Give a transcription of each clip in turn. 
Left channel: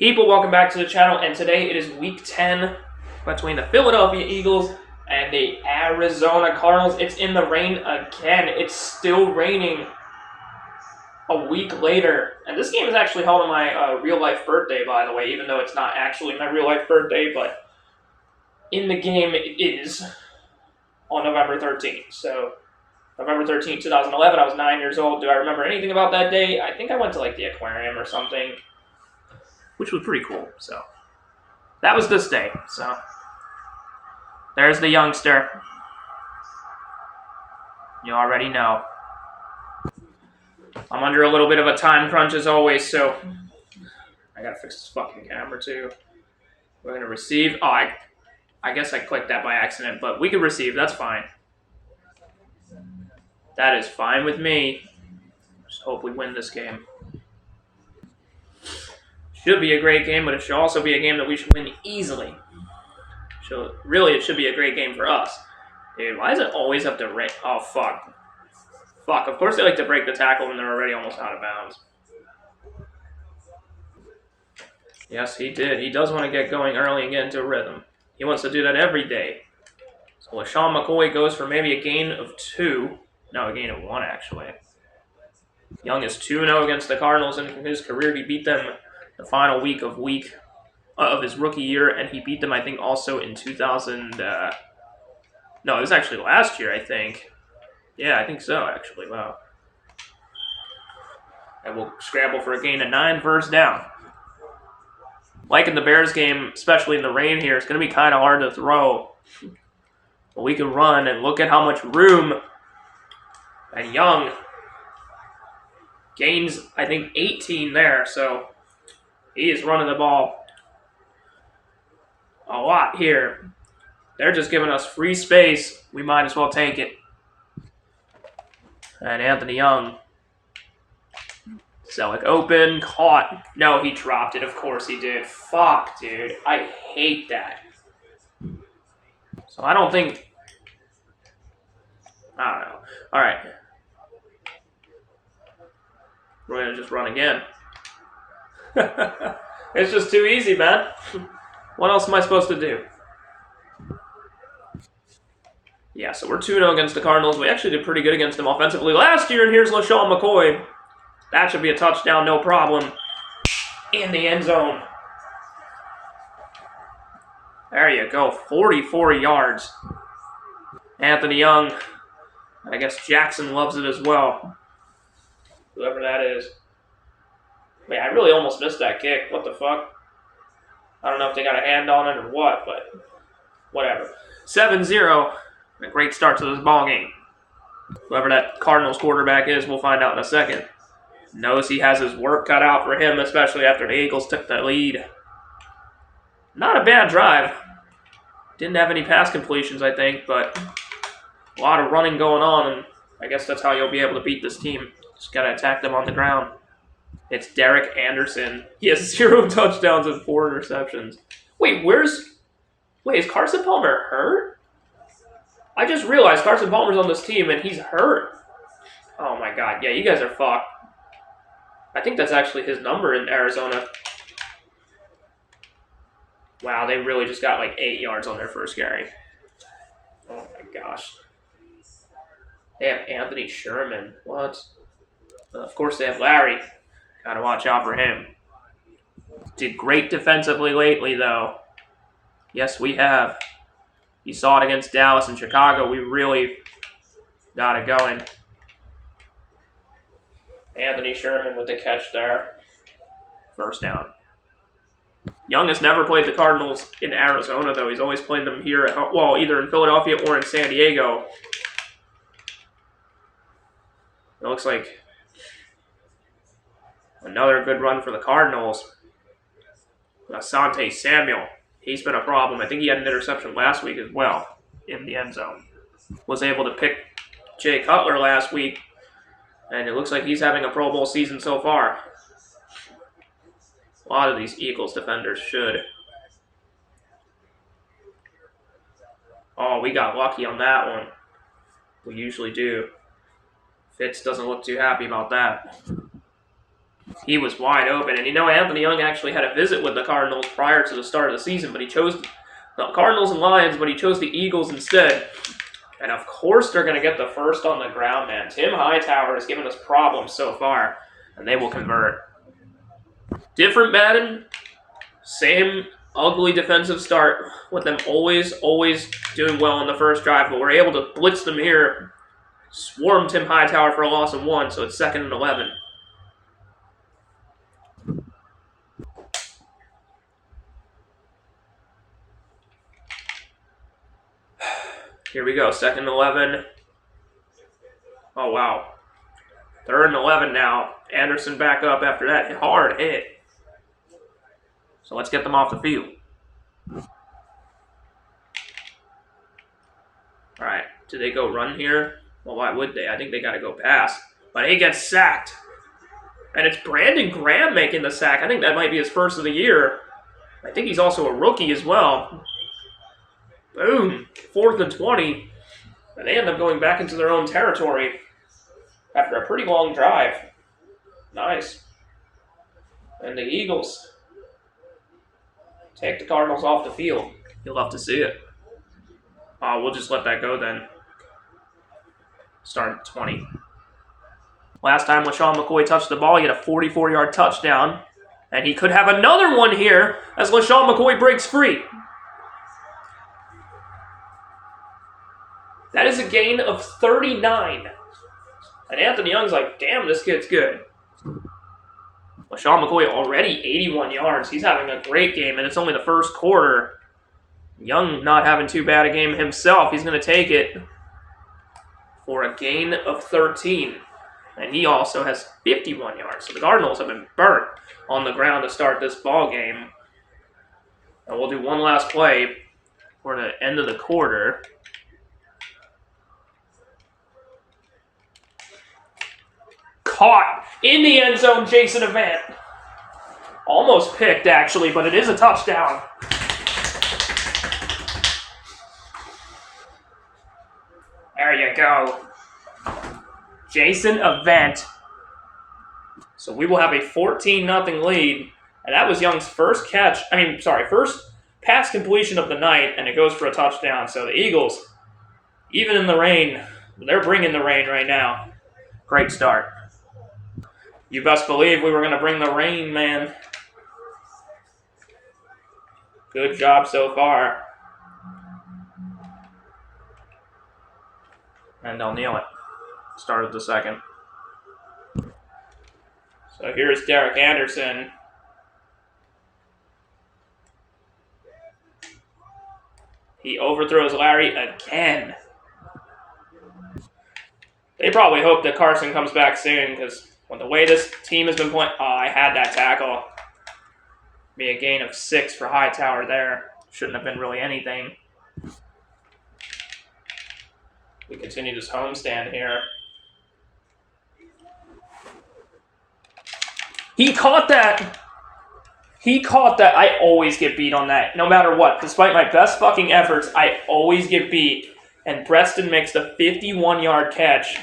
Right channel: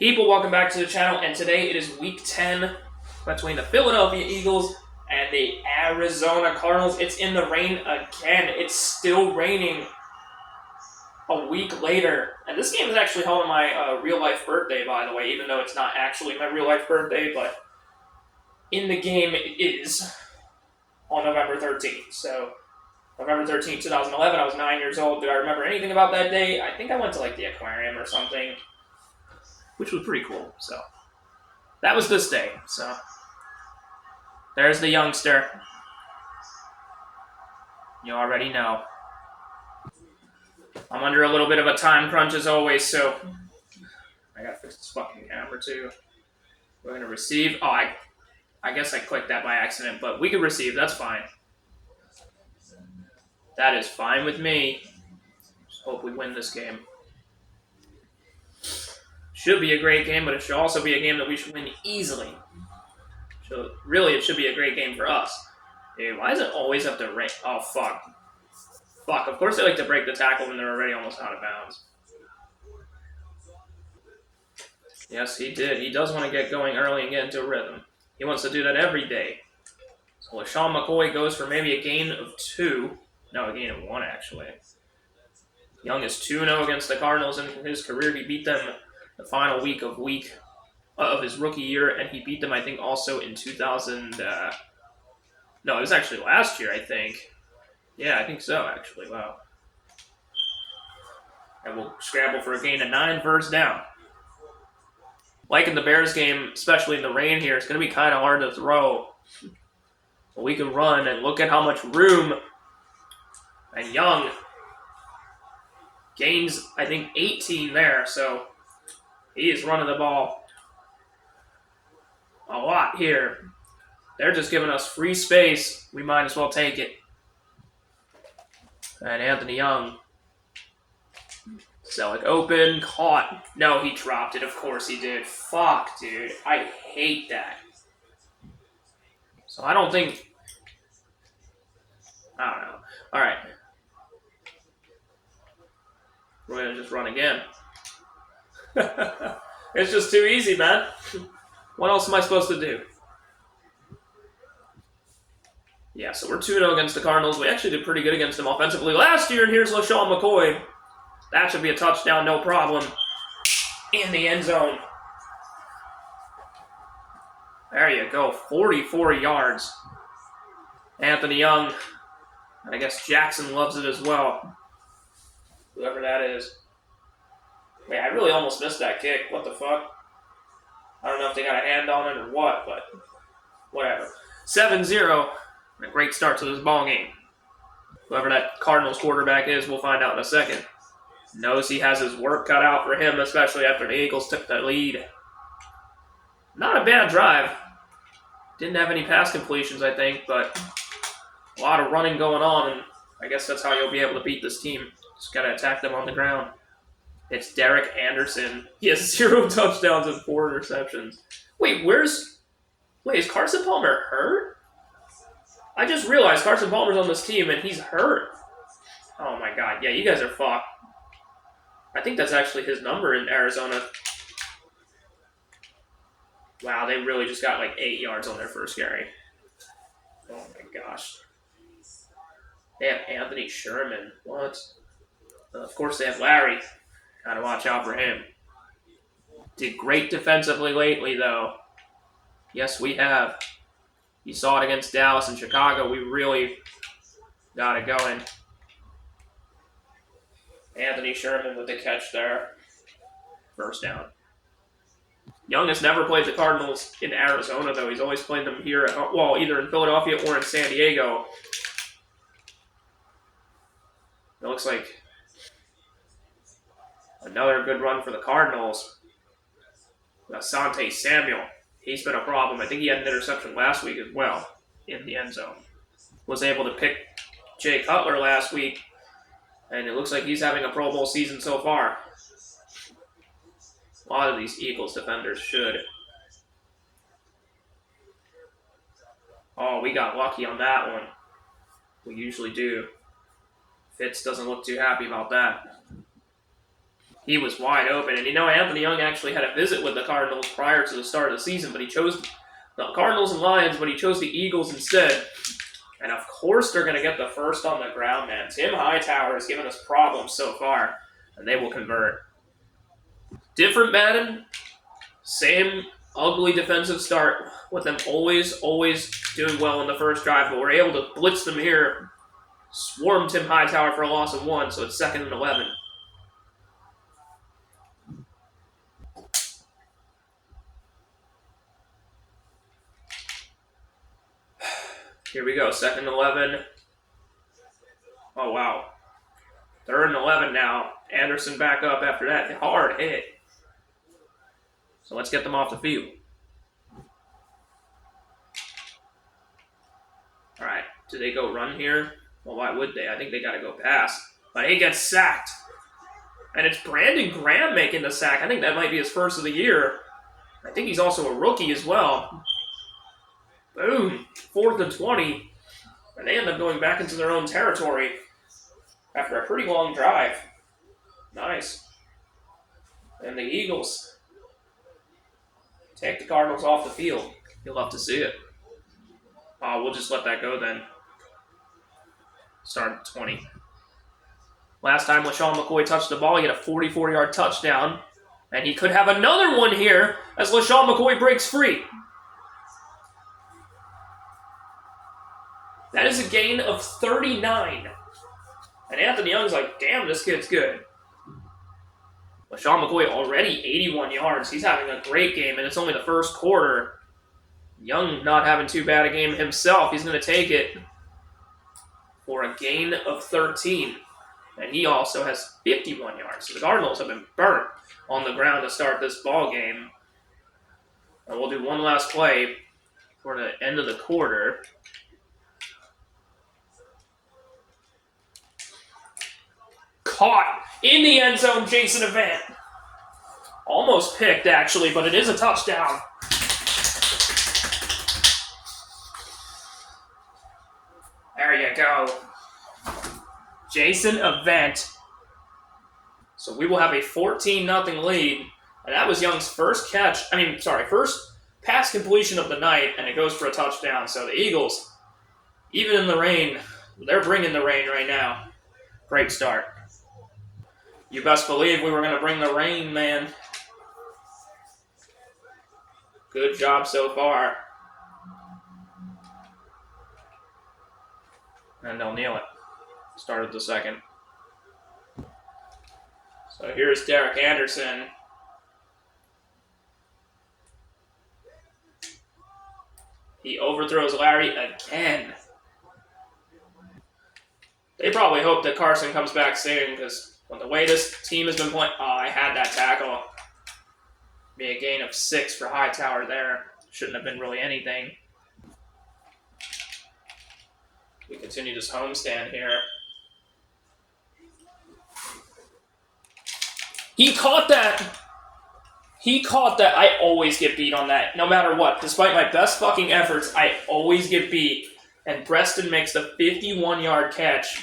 People, welcome back to the channel, and today it is week 10 between the Philadelphia Eagles and the Arizona Cardinals. It's in the rain again. It's still raining a week later, and this game is actually held on my real-life birthday, by the way, even though it's not actually my real-life birthday, but in the game it is on November 13th. So, November 13th, 2011, I was 9 years old. Do I remember anything about that day? I think I went to, like, the aquarium or something, which was pretty cool. So that was this day. So there's the youngster. You already know. I'm under a little bit of a time crunch as always, so I gotta fix this fucking camera too. We're gonna receive. Oh, I guess I clicked that by accident, but we can receive. That's fine. That is fine with me. Just hope we win this game. Should be a great game, but it should also be a game that we should win easily. So really, it should be a great game for us. Dude, why does it always have to rain? Oh, fuck. Fuck, of course they like to break the tackle when they're already almost out of bounds. Yes, he did. He does want to get going early and get into a rhythm. He wants to do that every day. So LaShawn McCoy goes for maybe a gain of 2. No, a gain of 1, actually. Young is 2-0 against the Cardinals in his career. He beat them the final week of his rookie year, and he beat them, I think, also in 2000. No, it was actually last year, I think. Yeah, I think so, actually. Wow. I will scramble for a gain of 9, first down. Like in the Bears game, especially in the rain here, it's going to be kind of hard to throw. But we can run, and look at how much room. And Young gains, I think, 18 there, so he is running the ball a lot here. They're just giving us free space. We might as well take it. And Anthony Young. Selleck open, caught. No, he dropped it. Of course he did. Fuck, dude. I hate that. So I don't think... I don't know. All right. We're going to just run again. It's just too easy, man. What else am I supposed to do? Yeah, so we're 2-0 against the Cardinals. We actually did pretty good against them offensively last year, and here's LaShawn McCoy. That should be a touchdown, no problem. In the end zone. There you go, 44 yards. Anthony Young. I guess Jackson loves it as well. Whoever that is. Man, I really almost missed that kick. What the fuck? I don't know if they got a hand on it or what, but whatever. 7-0. A great start to this ball game. Whoever that Cardinals quarterback is, we'll find out in a second. Knows he has his work cut out for him, especially after the Eagles took the lead. Not a bad drive. Didn't have any pass completions, I think, but a lot of running going on, and I guess that's how you'll be able to beat this team. Just gotta attack them on the ground. It's Derek Anderson. He has 0 touchdowns and 4 interceptions. Wait, is Carson Palmer hurt? I just realized Carson Palmer's on this team and he's hurt. Oh my god, yeah, you guys are fucked. I think that's actually his number in Arizona. Wow, they really just got like 8 yards on their first carry. Oh my gosh. They have Anthony Sherman. What? Of course they have Larry. Gotta watch out for him. Did great defensively lately, though. Yes, we have. You saw it against Dallas and Chicago. We really got it going. Anthony Sherman with the catch there. First down. Young has never played the Cardinals in Arizona, though. He's always played them here, well, either in Philadelphia or in San Diego. It looks like another good run for the Cardinals. Asante Samuel. He's been a problem. I think he had an interception last week as well in the end zone. Was able to pick Jay Cutler last week, and it looks like he's having a Pro Bowl season so far. A lot of these Eagles defenders should. Oh, we got lucky on that one. We usually do. Fitz doesn't look too happy about that. He was wide open. And Anthony Young actually had a visit with the Cardinals prior to the start of the season, but he chose the Cardinals and Lions, but he chose the Eagles instead. And of course they're going to get the first on the ground, man. Tim Hightower has given us problems so far, and they will convert. Different Madden, same ugly defensive start with them always doing well in the first drive, but we're able to blitz them here. Swarm Tim Hightower for a loss of 1, so it's 2nd and 11. Here we go, 2nd and 11. Oh, wow. 3rd and 11 now. Anderson back up after that hard hit. So let's get them off the field. All right, do they go run here? Well, why would they? I think they got to go pass. But he gets sacked. And it's Brandon Graham making the sack. I think that might be his first of the year. I think he's also a rookie as well. Boom. 4th and 20. And they end up going back into their own territory after a pretty long drive. Nice. And the Eagles take the Cardinals off the field. You'll love to see it. We'll just let that go then. Start at 20. Last time LaShawn McCoy touched the ball, he had a 44-yard touchdown. And he could have another one here as LaShawn McCoy breaks free. That is a gain of 39. And Anthony Young's like, damn, this kid's good. LaShawn McCoy already 81 yards. He's having a great game, and it's only the first quarter. Young not having too bad a game himself. He's going to take it for a gain of 13. And he also has 51 yards. So the Cardinals have been burnt on the ground to start this ball game. And we'll do one last play for the end of the quarter. Caught in the end zone, Jason Avant. Almost picked, actually, but it is a touchdown. There you go. Jason Avant. So we will have a 14-0 lead. And that was Young's first first pass completion of the night, and it goes for a touchdown. So the Eagles, even in the rain, they're bringing the rain right now. Great start. You best believe we were going to bring the rain, man. Good job so far. And they'll kneel it. Started the second. So here's Derek Anderson. He overthrows Larry again. They probably hope that Carson comes back soon, because with the way this team has been playing... Oh, I had that tackle. Be a gain of 6 for Hightower there. Shouldn't have been really anything. We continue this homestand here. He caught that. He caught that. I always get beat on that, no matter what. Despite my best fucking efforts, I always get beat. And Preston makes the 51-yard catch.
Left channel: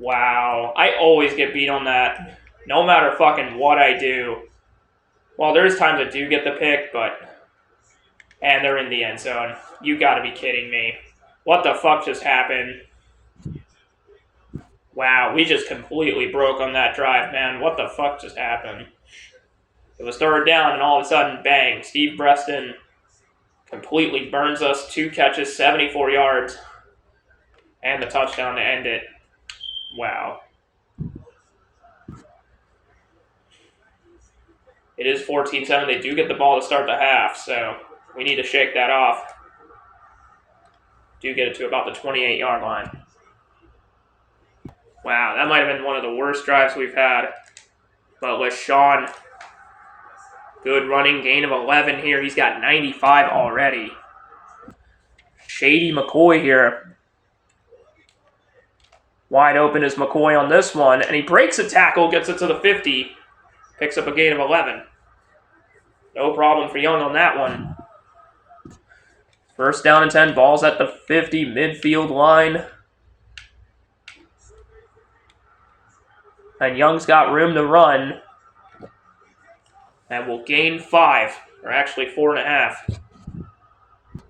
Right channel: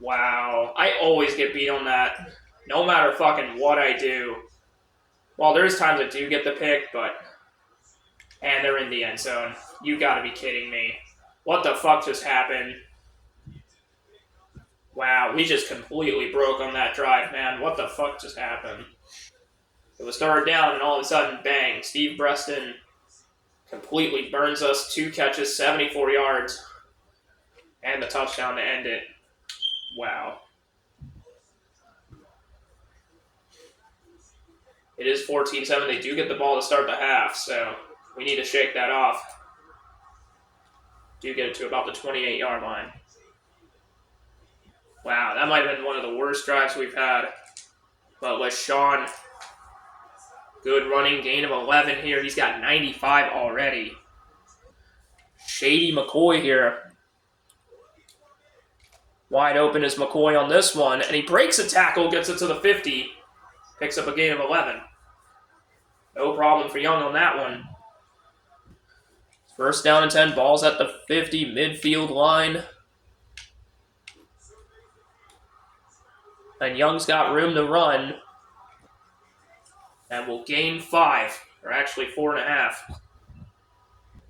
Wow. I always get beat on that, no matter fucking what I do. Well, there's times I do get the pick, but... And they're in the end zone. You gotta be kidding me. What the fuck just happened? Wow, we just completely broke on that drive, man. What the fuck just happened? It was 3rd down, and all of a sudden, bang. Steve Preston completely burns us. 2 catches, 74 yards. And the touchdown to end it. Wow. It is 14-7. They do get the ball to start the half, so we need to shake that off. Do get it to about the 28-yard line. Wow, that might have been one of the worst drives we've had. But LaShawn, good running, gain of 11 here. He's got 95 already. Shady McCoy here. Wide open is McCoy on this one, and he breaks a tackle, gets it to the 50, picks up a gain of 11. No problem for Young on that one. 1st down and 10, ball's at the 50, midfield line. And Young's got room to run. And will gain 5, or actually 4.5.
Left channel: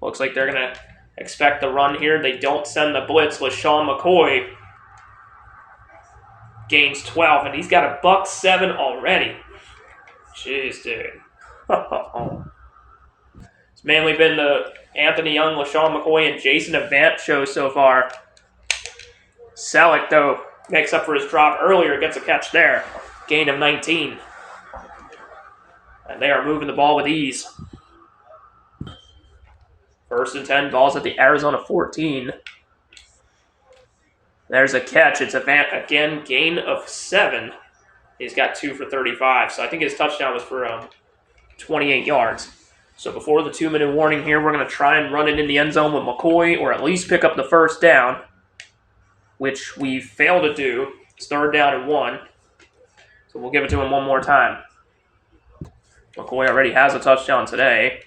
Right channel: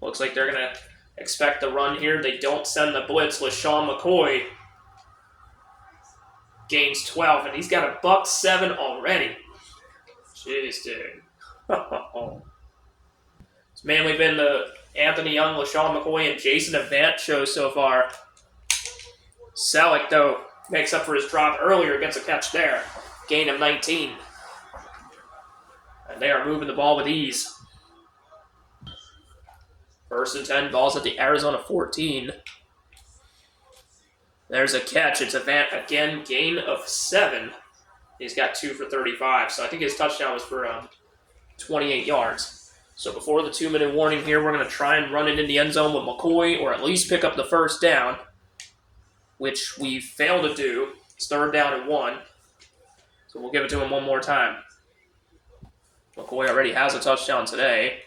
Looks like they're going to expect the run here. They don't send the blitz. LaShawn McCoy gains 12, and he's got a $1.07 already. Jeez, dude. It's mainly been the Anthony Young, LaShawn McCoy, and Jason Avant show so far. Selleck, though, makes up for his drop earlier, gets a catch there. Gain of 19. And they are moving the ball with ease. 1st and 10, ball's at the Arizona 14. There's a catch. It's Avant again, gain of 7. He's got 2 for 35. So I think his touchdown was for 28 yards. So before the 2-minute warning here, we're going to try and run it in the end zone with McCoy, or at least pick up the first down, which we failed to do. It's 3rd down and 1. So we'll give it to him one more time. McCoy already has a touchdown today.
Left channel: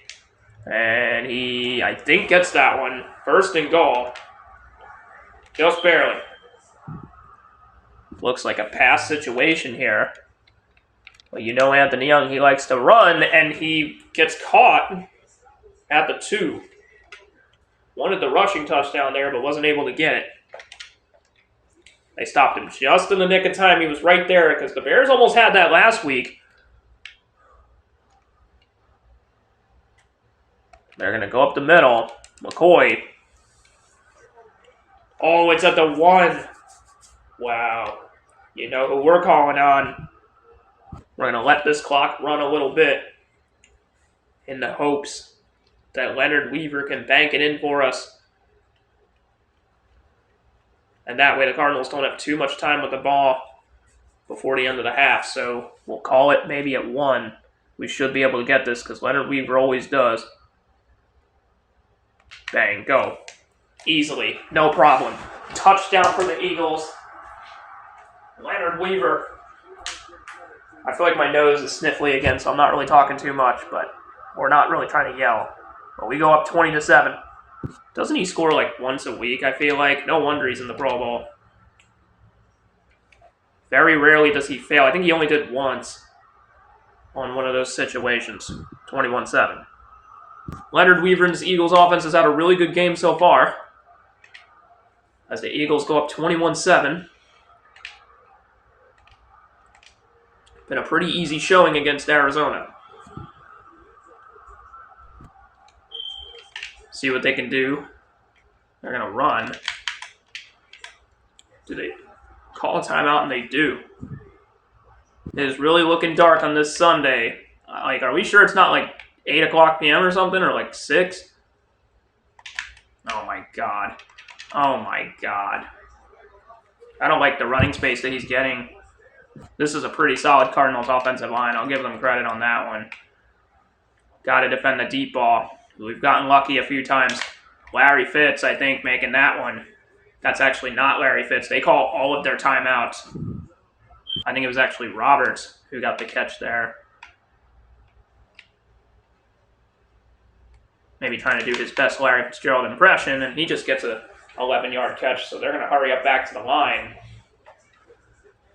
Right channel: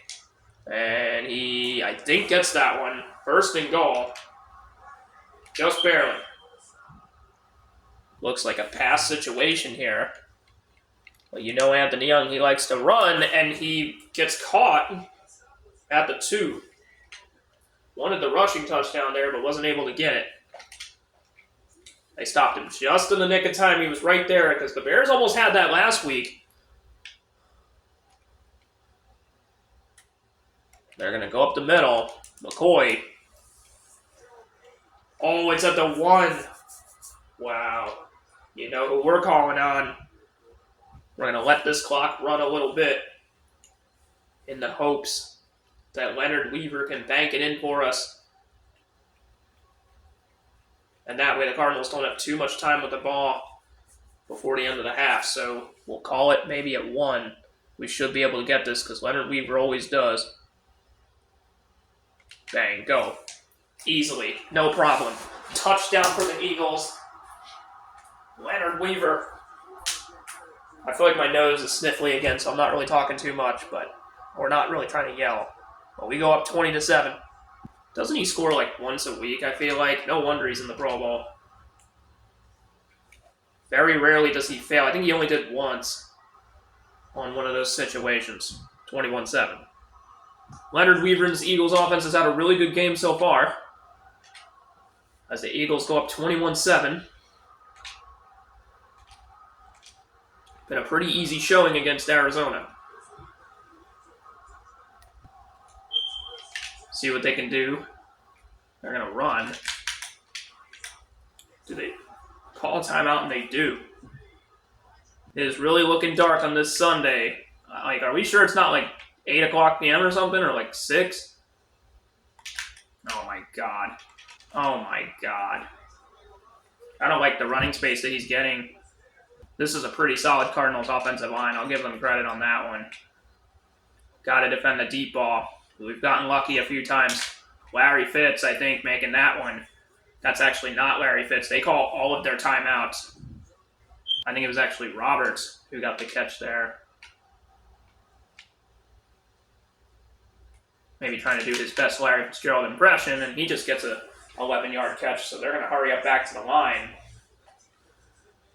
And he, I think, gets that one. 1st and goal. Just barely. Looks like a pass situation here. But you know Anthony Young, he likes to run, and he gets caught at the 2. Wanted the rushing touchdown there, but wasn't able to get it. They stopped him just in the nick of time. He was right there, because the Bears almost had that last week. They're going to go up the middle. McCoy. Oh, it's at the 1. Wow. You know who we're calling on. We're going to let this clock run a little bit in the hopes that Leonard Weaver can bank it in for us. And that way the Cardinals don't have too much time with the ball before the end of the half. So we'll call it maybe at 1. We should be able to get this because Leonard Weaver always does. Bang, go. Easily, no problem. Touchdown for the Eagles. Leonard Weaver. I feel like my nose is sniffly again, so I'm not really talking too much, but we're not really trying to yell. But we go up 20-7. Doesn't he score like once a week, I feel like? No wonder he's in the Pro Bowl. Very rarely does he fail. I think he only did once on one of those situations. 21-7. Leonard Weaver's Eagles offense has had a really good game so far. As the Eagles go up 21-7. Been a pretty easy showing against Arizona. See what they can do. They're going to run. Do they call a timeout? And they do. It is really looking dark on this Sunday. Are we sure it's not like 8 o'clock p.m. or something, or like 6? Oh my god. Oh my god. I don't like the running space that he's getting. This is a pretty solid Cardinals offensive line. I'll give them credit on that one. Got to defend the deep ball. We've gotten lucky a few times. Larry Fitz, I think, making that one. That's actually not Larry Fitz. They call all of their timeouts. I think it was actually Roberts who got the catch there. Maybe trying to do his best Larry Fitzgerald impression, and he just gets a 11-yard catch, so they're going to hurry up back to the line.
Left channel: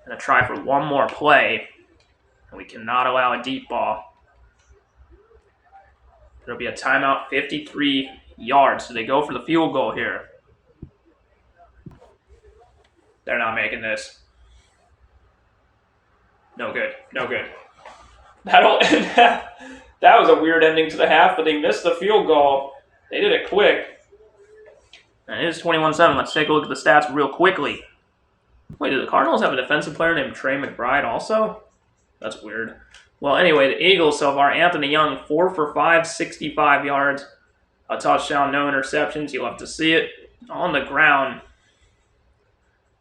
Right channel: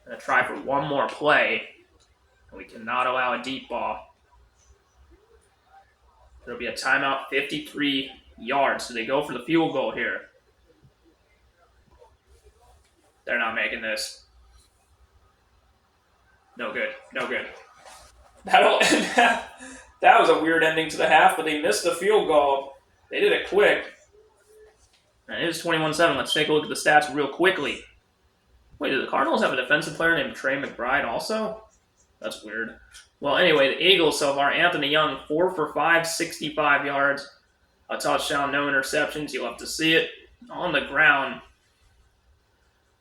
Going to try for one more play, and we cannot allow a deep ball. It'll be a timeout, 53 yards, so they go for the field goal here. They're not making this. No good, no good. That was a weird ending to the half, but they missed the field goal. They did it quick. And it is 21-7. Let's take a look at the stats real quickly. Wait, do the Cardinals have a defensive player named Trey McBride also? That's weird. Well, anyway, the Eagles so far, Anthony Young, 4 for 5, 65 yards. A touchdown, no interceptions. You'll have to see it on the ground.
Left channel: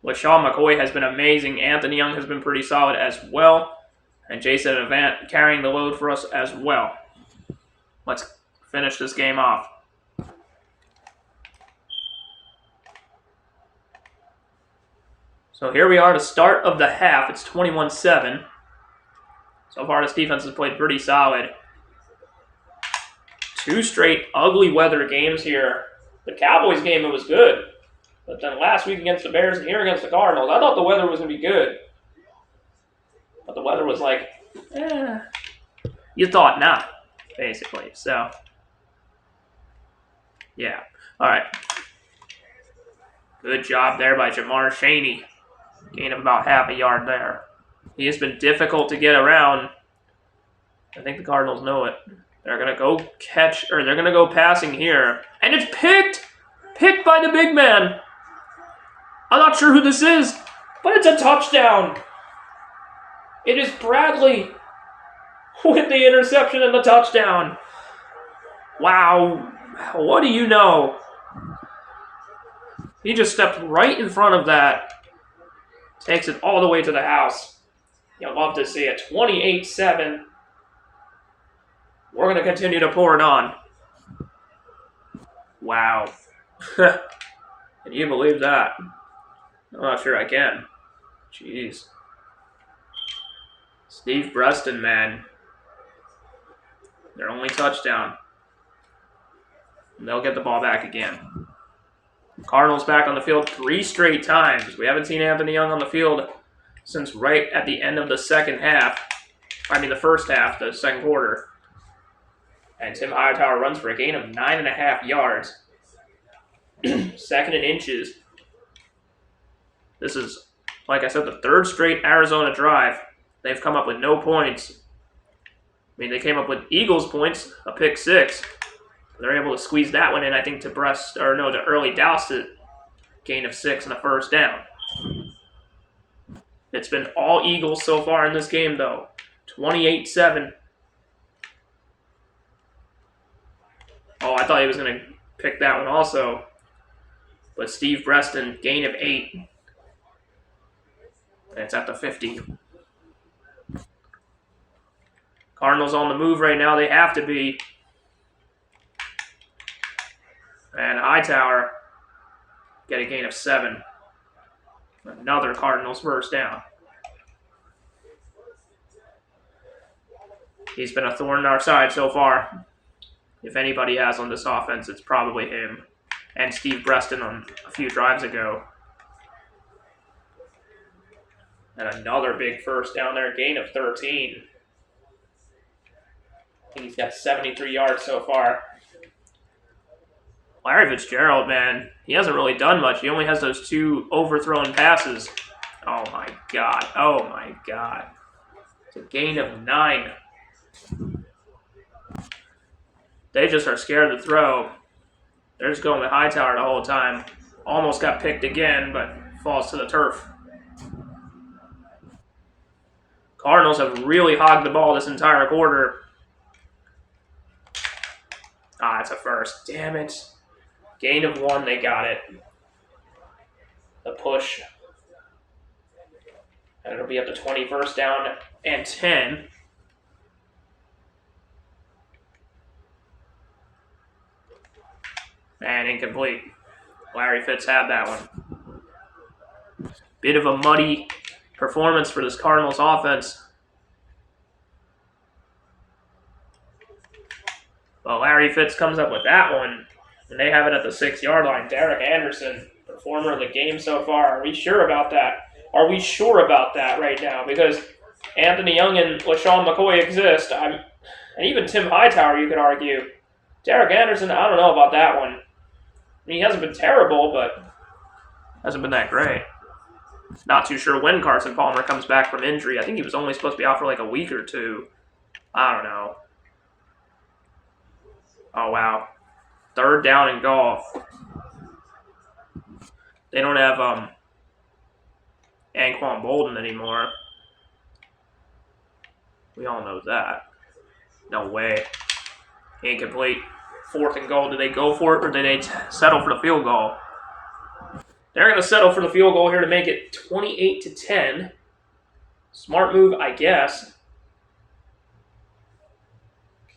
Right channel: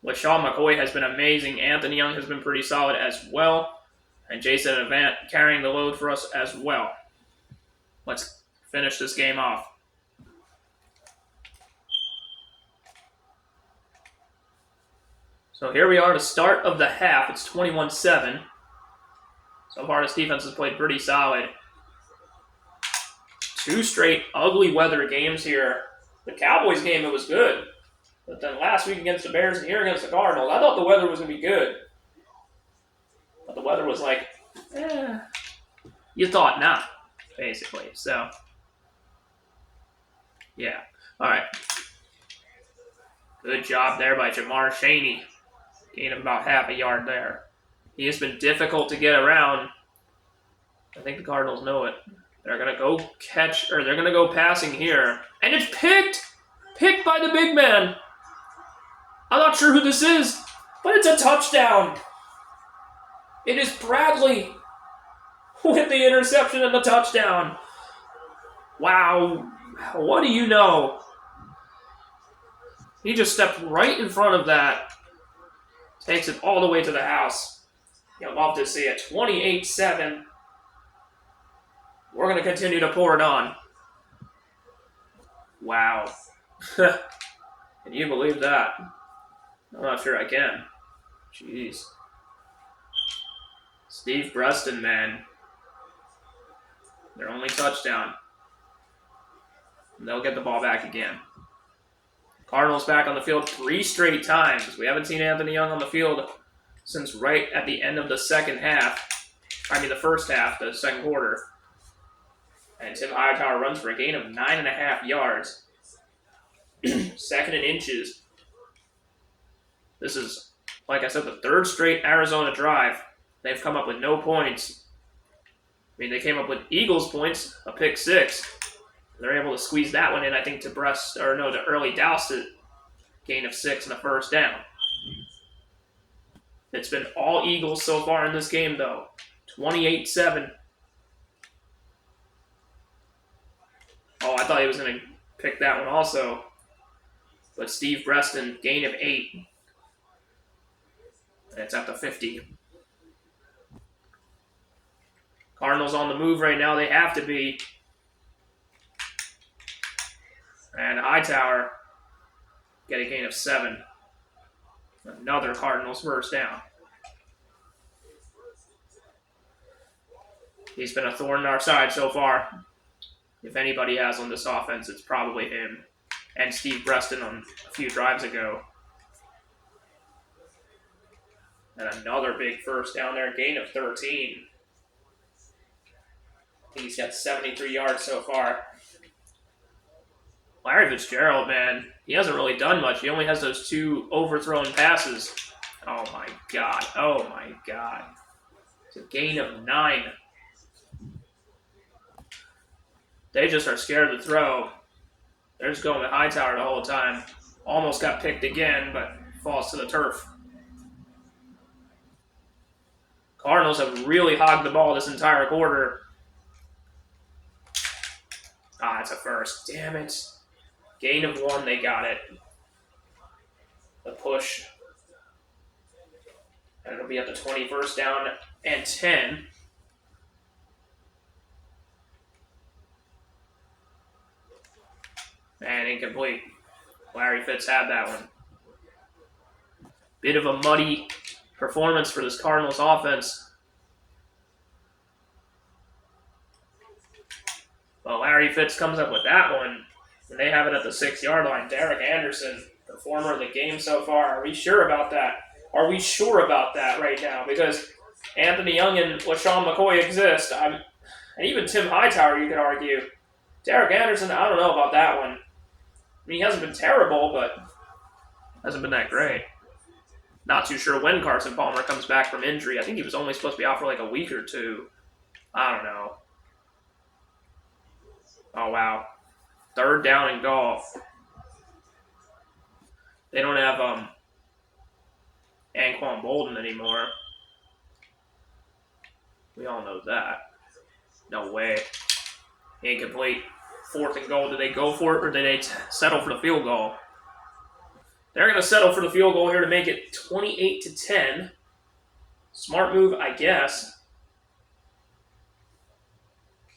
LaShawn McCoy has been amazing. Anthony Young has been pretty solid as well. And Jason Avant carrying the load for us as well. Let's finish this game off. So here we are, the start of the half. It's 21-7. So far, this defense has played pretty solid. 2 straight ugly weather games here. The Cowboys game, it was good. But then last week against the Bears and here against the Cardinals, I thought the weather was going to be good. the weather was like, you thought not, basically. So, yeah. All right. Good job there by Jamar Chaney. Gain of about half a yard there. He has been difficult to get around. I think the Cardinals know it. They're going to go they're going to go passing here. And it's picked! Picked by the big man. I'm not sure who this is, but it's a touchdown. It is Bradley with the interception and the touchdown. Wow. What do you know? He just stepped right in front of that. Takes it all the way to the house. You'll love to see it. 28-7. We're going to continue to pour it on. Wow. Can you believe that? I'm not sure I can. Jeez. Steve Breston, man. Their only touchdown. And they'll get the ball back again. Cardinals back on the field 3 straight times. We haven't seen Anthony Young on the field since right at the end of the second half. I mean the first half, the second quarter. And Tim Hightower runs for a gain of 9.5 yards. Second and inches. This is, like I said, the 3rd straight Arizona drive. They've come up with no points. I mean, they came up with Eagles points, a pick 6. They're able to squeeze that one in, I think, to early Dowsett. Gain of 6 and a first down. It's been all Eagles so far in this game, though. 28-7. Oh, I thought he was going to pick that one also. But Steve Breston, gain of 8. And it's at the 50. Cardinals on the move right now. They have to be. And Hightower get a gain of 7. Another Cardinals first down. He's been a thorn in our side so far. If anybody has on this offense, it's probably him. And Steve Breston on a few drives ago. And another big first down there, gain of 13. I think he's got 73 yards so far. Larry Fitzgerald, man, he hasn't really done much. He only has those 2 overthrown passes. Oh, my God. Oh, my God. It's a gain of 9. They just are scared to throw. They're just going with Hightower the whole time. Almost got picked again, but falls to the turf. Cardinals have really hogged the ball this entire quarter. Ah, it's a first. Damn it. Gain of 1, they got it. The push. And it'll be at the 21st down and 10. And incomplete. Larry Fitz had that one. Bit of a muddy performance for this Cardinals offense. Well, Larry Fitz comes up with that one. And they have it at the 6-yard line. Derek Anderson, performer of the game so far. Are we sure about that? Are we sure about that right now? Because Anthony Young and LaShawn McCoy exist. And even Tim Hightower, you could argue. Derek Anderson, I don't know about that one. I mean, he hasn't been terrible, but hasn't been that great. Not too sure when Carson Palmer comes back from injury. I think he was only supposed to be out for like a week or 2. I don't know. Oh, wow. 3rd down and goal. They don't have Anquan Bolden anymore. We all know that. No way. Incomplete. 4th and goal. Did they go for it or did they settle for the field goal? They're going to settle for the field goal here to make it 28-10. Smart move, I guess.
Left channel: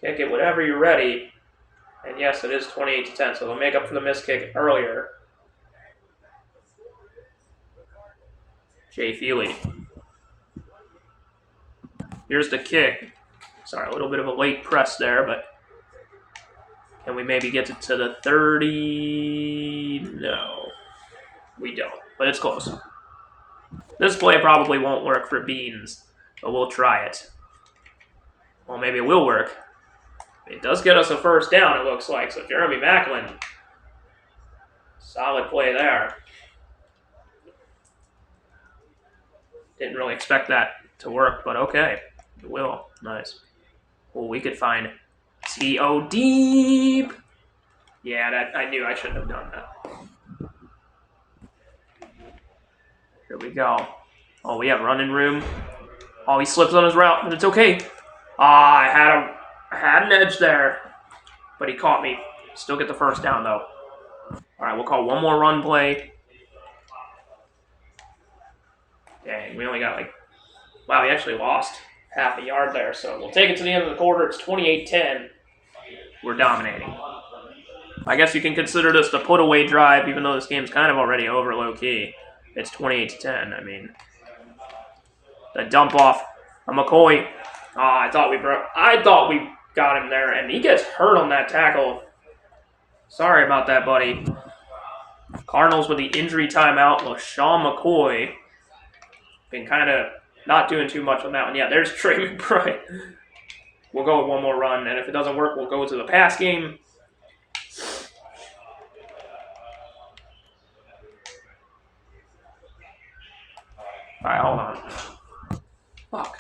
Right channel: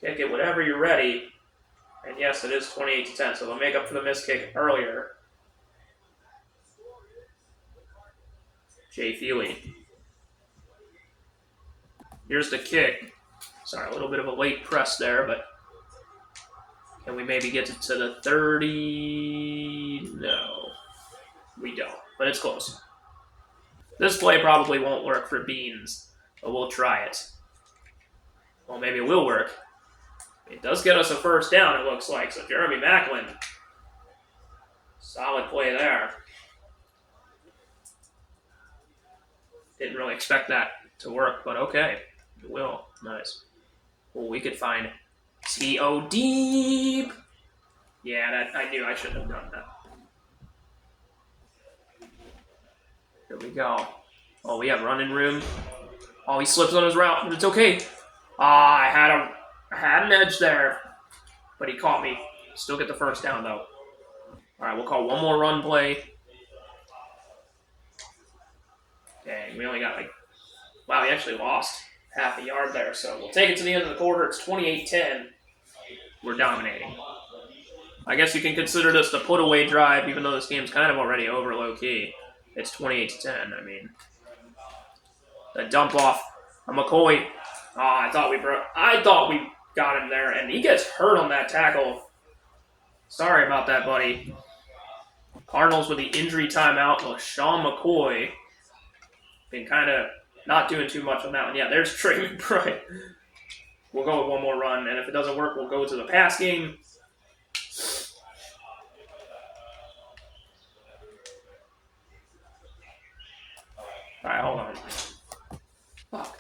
Kick it whenever you're ready. And yes, it is 28-10, so they'll make up for the missed kick earlier. Jay Feely. Here's the kick. Sorry, a little bit of a late press there, but can we maybe get it to the 30? No, we don't, but it's close. This play probably won't work for Beans. but we'll try it. Well, maybe it will work. It does get us a first down, it looks like. So Jeremy Macklin, solid play there. Didn't really expect that to work, but okay. It will. Nice. Well, we could find T.O. deep. Yeah, that I knew I shouldn't have done that. Here we go. Oh, we have running room. Oh, he slips on his route, but it's okay. Ah, I had an edge there, but he caught me. Still get the first down, though. All right, we'll call one more run play. Dang, we only got like... Wow, we actually lost half a yard there, so we'll take it to the end of the quarter. It's 28-10. We're dominating. I guess you can consider this the put-away drive, even though this game's kind of already over low-key. It's 28-10. I mean, the dump off from McCoy. I thought we got him there, and he gets hurt on that tackle. Sorry about that, buddy. Cardinals with the injury timeout. LaShawn McCoy been kind of not doing too much on that one. Yeah, there's Trey McBride. We'll go with one more run, and if it doesn't work, we'll go to the pass game. All right, hold on. Fuck.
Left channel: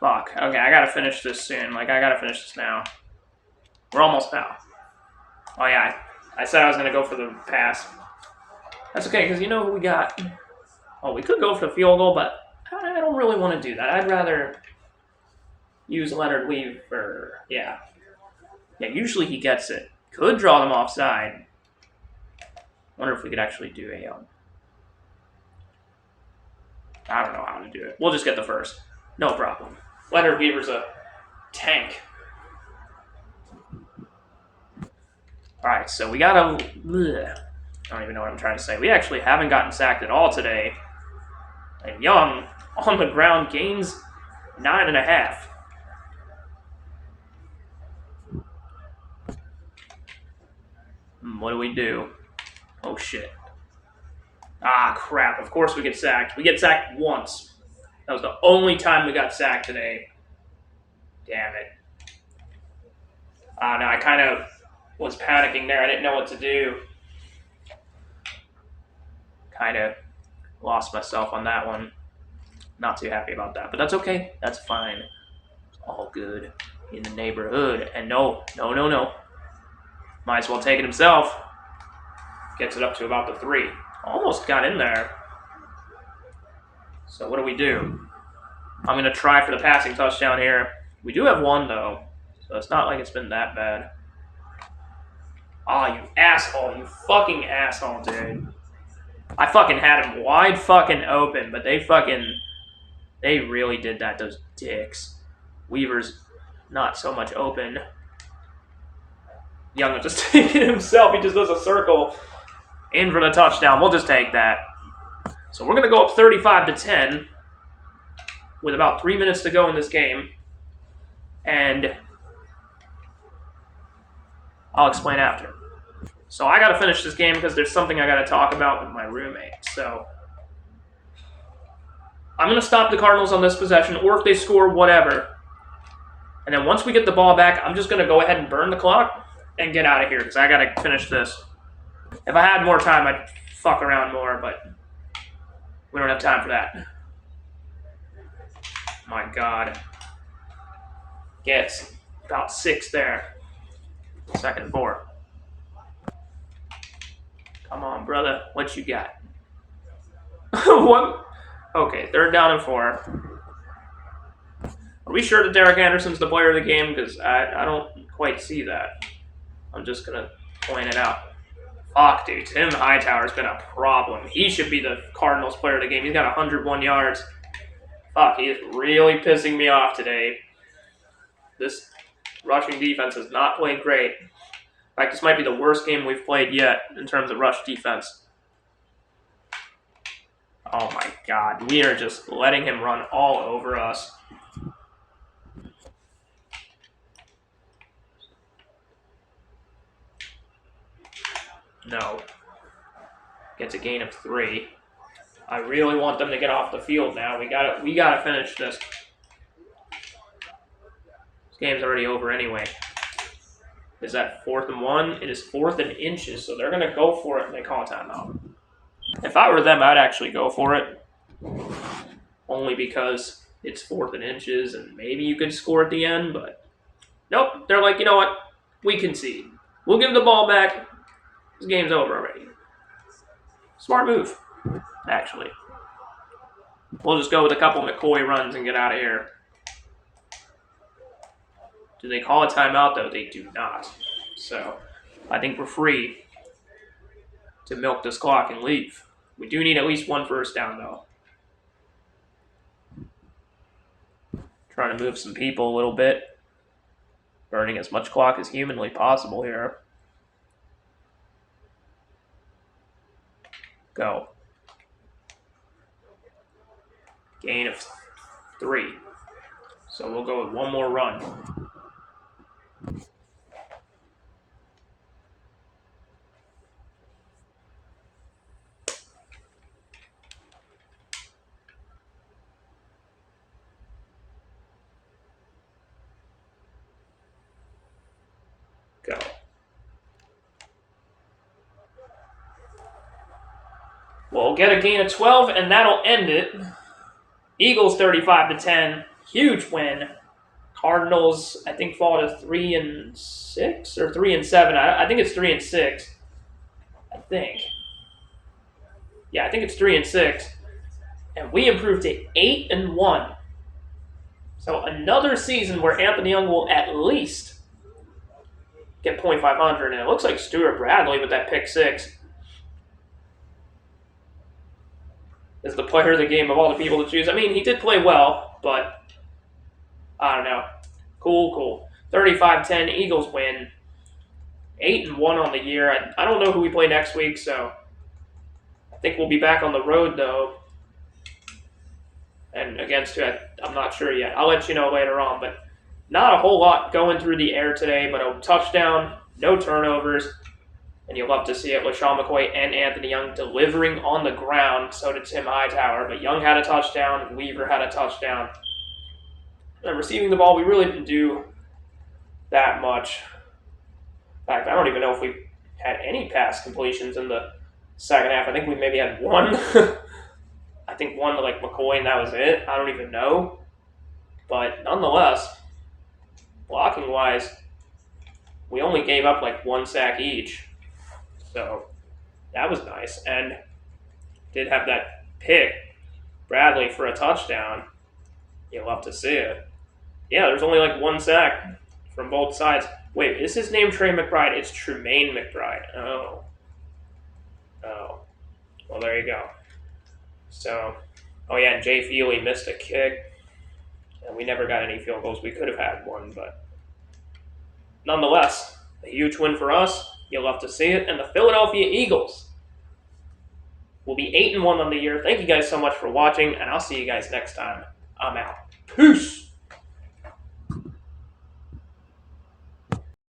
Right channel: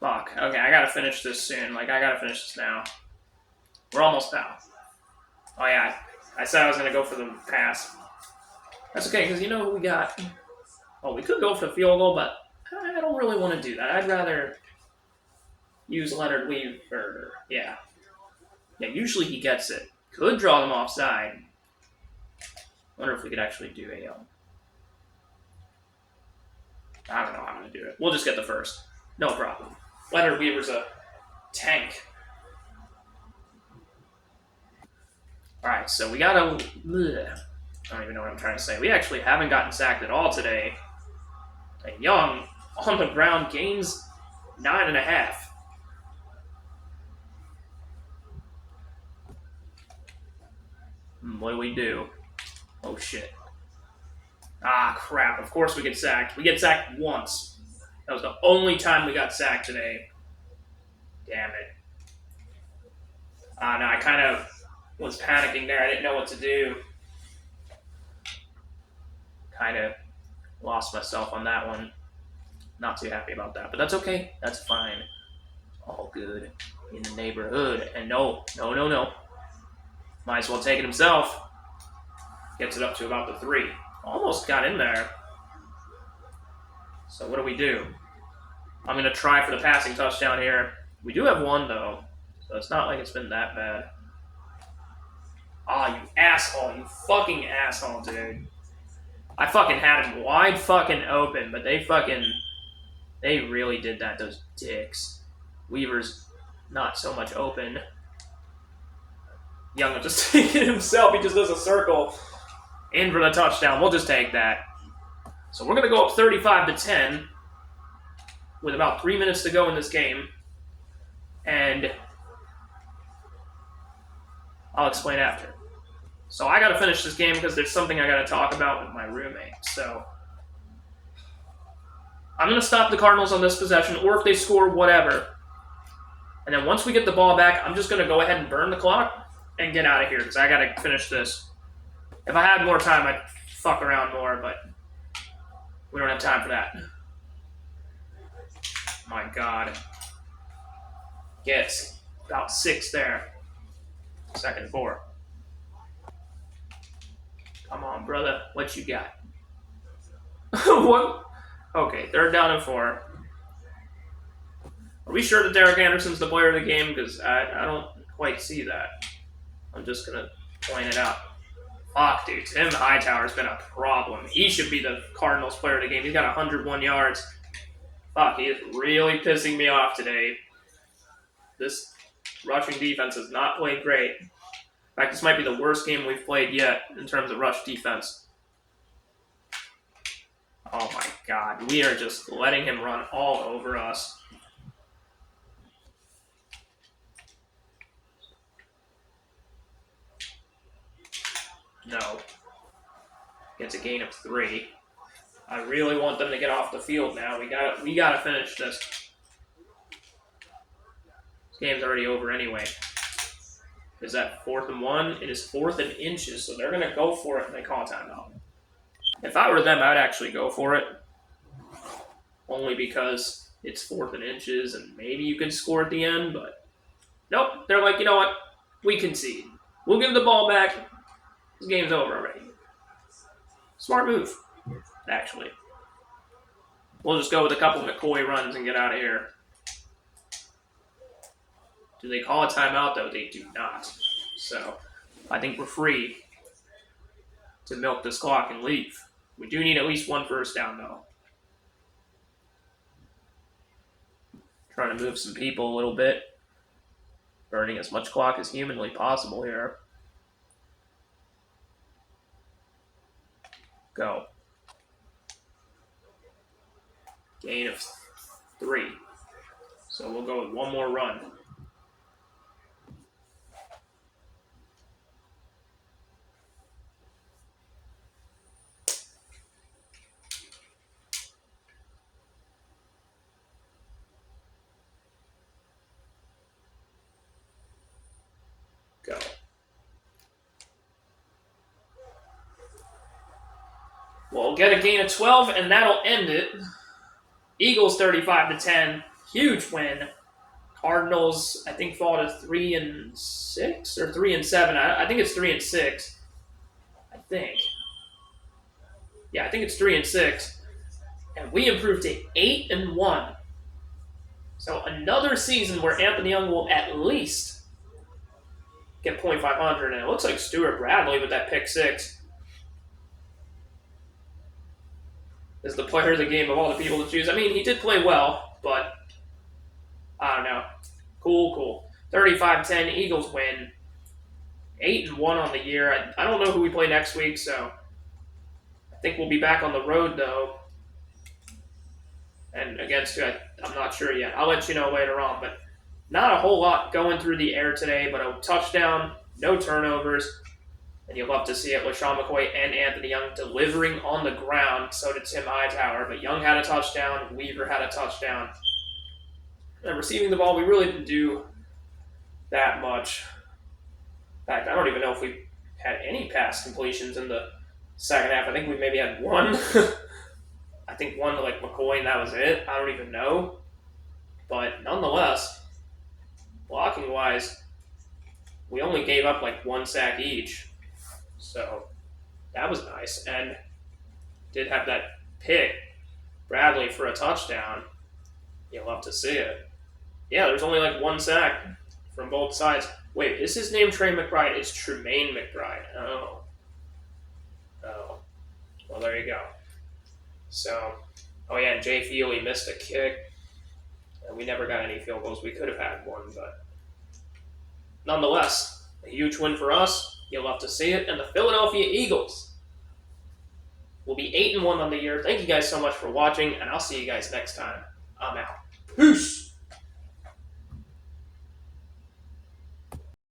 Fuck. Okay, I gotta finish this soon. I gotta finish this now. We're almost out. Oh, yeah. I said I was gonna go for the pass. That's okay, because you know who we got. Oh, we could go for the field goal, but I don't really want to do that. I'd rather use Leonard Weaver. Yeah. Yeah, usually he gets it. Could draw them offside. Wonder if we could actually do a... I don't know how to do it. We'll just get the first. No problem. Leonard Weaver's a tank. Alright, so we got a... I don't even know what I'm trying to say. We actually haven't gotten sacked at all today. And Young, on the ground, gains 9.5. What do we do? Oh, shit. Ah, crap. Of course we get sacked. We get sacked once. That was the only time we got sacked today. Damn it. No, I kind of was panicking there. I didn't know what to do. Kind of lost myself on that one. Not too happy about that, but that's okay. That's fine. It's all good in the neighborhood. And no. Might as well take it himself. Gets it up to about the 3. Almost got in there. So what do we do? I'm going to try for the passing touchdown here. We do have one, though, so it's not like it's been that bad. Ah, you asshole. You fucking asshole, dude. I fucking had him wide fucking open, but they really did that, those dicks. Weaver's not so much open. Young was just taking himself. He just does a circle in for the touchdown. We'll just take that. So we're going to go up 35-10 with about 3 minutes to go in this game. And I'll explain after. So I got to finish this game because there's something I got to talk about with my roommate. So I'm going to stop the Cardinals on this possession, or if they score, whatever. And then once we get the ball back, I'm just going to go ahead and burn the clock and get out of here because I got to finish this. If I had more time, I'd fuck around more, but we don't have time for that. My God. Gets about 6 there. 2nd and 4. Come on, brother. What you got? What? Okay, 3rd down and 4. Are we sure that Derek Anderson's the player of the game? Because I don't quite see that. I'm just going to point it out. Fuck, dude. Tim Hightower's been a problem. He should be the Cardinals player of the game. He's got 101 yards. Fuck, he is really pissing me off today. This rushing defense has not played great. In fact, this might be the worst game we've played yet in terms of rush defense. Oh my God. We are just letting him run all over us. No. Gets a gain of 3. I really want them to get off the field now. We gotta finish this. This game's already over anyway. Is that 4th and 1? It is 4th and inches, so they're gonna go for it and they call a timeout. If I were them, I'd actually go for it. Only because it's 4th and inches and maybe you could score at the end, but nope. They're like, you know what? We concede. We'll give the ball back. This game's over already. Smart move, actually. We'll just go with a couple McCoy runs and get out of here. Do they call a timeout, though? They do not. So, I think we're free to milk this clock and leave. We do need at least 1 first down, though. Trying to move some people a little bit. Burning as much clock as humanly possible here. Go. Gain of 3. So we'll go with 1 more run. Go. We'll get a gain of 12, and that'll end it. Eagles 35-10, huge win. Cardinals, I think, fall to 3-6 or 3-7. I think it's 3-6. I think. Yeah, I think it's 3-6, and we improved to 8-1. So another season where Anthony Young will at least get .500, and it looks like Stuart Bradley with that pick 6 is the player of the game of all the people to choose. I mean, he did play well, but I don't know. Cool. 35-10, Eagles win. 8-1 on the year. I don't know who we play next week, so I think we'll be back on the road, though. And against who, I'm not sure yet. I'll let you know later on, but not a whole lot going through the air today, but a touchdown, no turnovers, and you'll love to see it with Sean McCoy and Anthony Young delivering on the ground. So did Tim Hightower, but Young had a touchdown, Weaver had a touchdown. And receiving the ball, we really didn't do that much. In fact, I don't even know if we had any pass completions in the second half. I think we maybe had 1. I think 1 to like McCoy, and that was it. I don't even know. But nonetheless, blocking-wise, we only gave up like 1 sack each. So that was nice. And did have that pick, Bradley, for a touchdown. You'll love to see it. Yeah, there's only like 1 sack from both sides. Wait, is his name Trey McBride? It's Tremaine McBride. Oh. Well, there you go. So, oh yeah, and Jay Feely missed a kick. And we never got any field goals. We could have had 1, but nonetheless, a huge win for us. You'll love to see it. And the Philadelphia Eagles will be 8-1 on the year. Thank you guys so much for watching, and I'll see you guys next time. I'm out. Peace!